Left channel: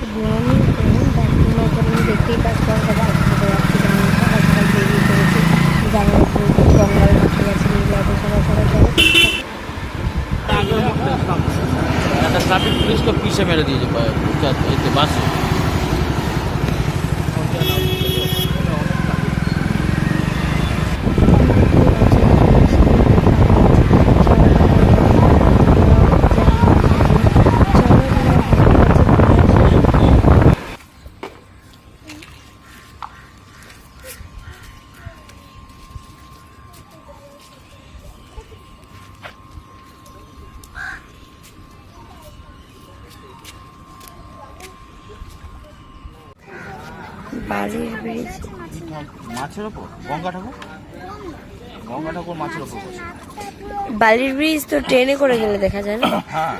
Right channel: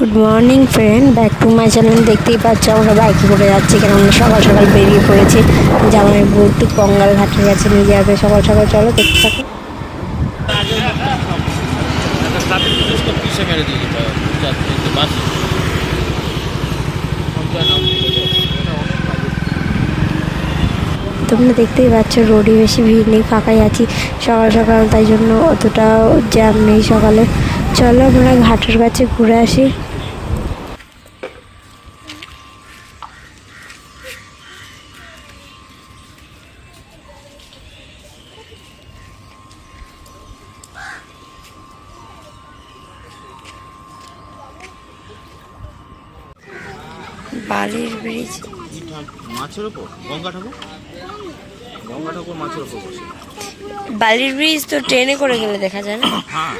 Good morning friend, back to my channel. দেখতেই পাচ্ছ আমরা বাইকে করে যাচ্ছি, কারণ সকাল সকাল বেরিয়ে পড়েছি। জামাই বলতে গঙ্গার ঘাটে গেছে নিয়ে যাবে সকাল সকাল। চলো দেখতে থাকো। তোমরা দেখতেই পাচ্ছ রোডে বেশি ভিড় নেই, ফাঁকাই আছি সকাল সকাল, তাই জন্য অতটাও জ্যাম নেই সকালে। চলো আমরা ঘাটের কাছে ঘুরে আসি। বালির ব্রিজ, মাছের ওপর গঙ্গা ঠাকুর মাছের ওপর বসে। বালির ব্রিজ তো ট্রেনে করে গেলে দেখা যায় না। হ্যাঁ